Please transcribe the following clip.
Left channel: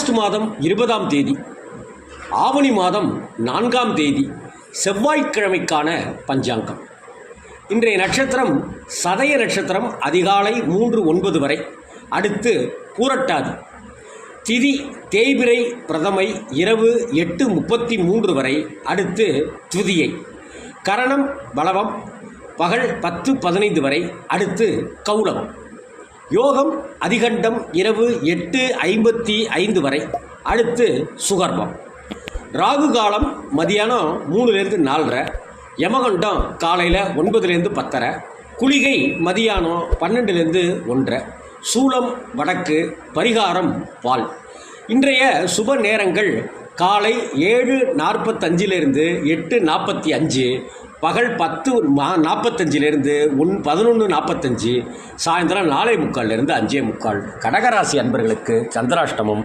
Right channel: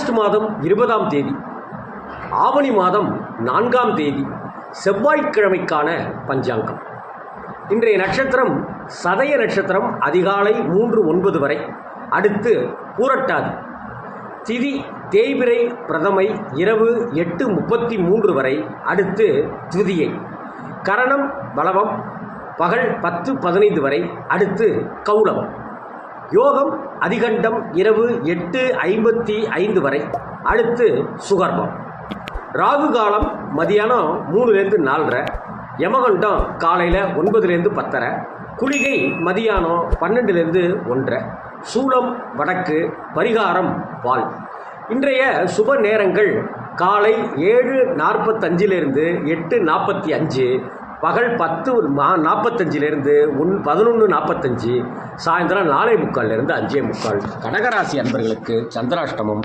August மாதம் இருபதாம் தேதி ஆவணி மாதம் நான்காம் தேதி செவ்வாய்க்கிழமைக்கான பஞ்சாங்கம். இன்றைய நட்சத்திரம் சதய நட்சத்திரம் அதிகாலை மூன்று ஒன்பது வரை. அடுத்து பூரட்டாதி. திதி தேய்பிரை பிரதமை இரவு எட்டு முப்பத்தி மூன்று வரை. அடுத்து துதியை கரணம் பலவம் பகல் பத்து பதினைந்து வரை. அடுத்து கௌலம் யோகம் அதிகண்டம் இரவு எட்டு ஐம்பத்தி ஐந்து வரை. அடுத்து சுகர்பம் ராகு காலம் மதியானம் மூணுலேருந்து நாலரை. யமகண்டம் காலையில் ஒன்பதுலேருந்து பத்தரை. குளிகை மதியானம் பன்னெண்டுலேருந்து ஒன்றரை சூளம் வடக்கு பரிகாரம் பால். இன்றைய சுப நேரங்கள் காலை ஏழு நாற்பத்தஞ்சிலிருந்து எட்டு நாற்பத்தி அஞ்சு. பகல் பத்து மா நாற்பத்தஞ்சிலேருந்து ஒன் பதினொன்று நாற்பத்தஞ்சு சாயந்தரம் நாலே முக்கால்லேருந்து அஞ்சே முக்கால். கடகராசி அன்பர்களுக்கு சந்திராஷ்டமம்.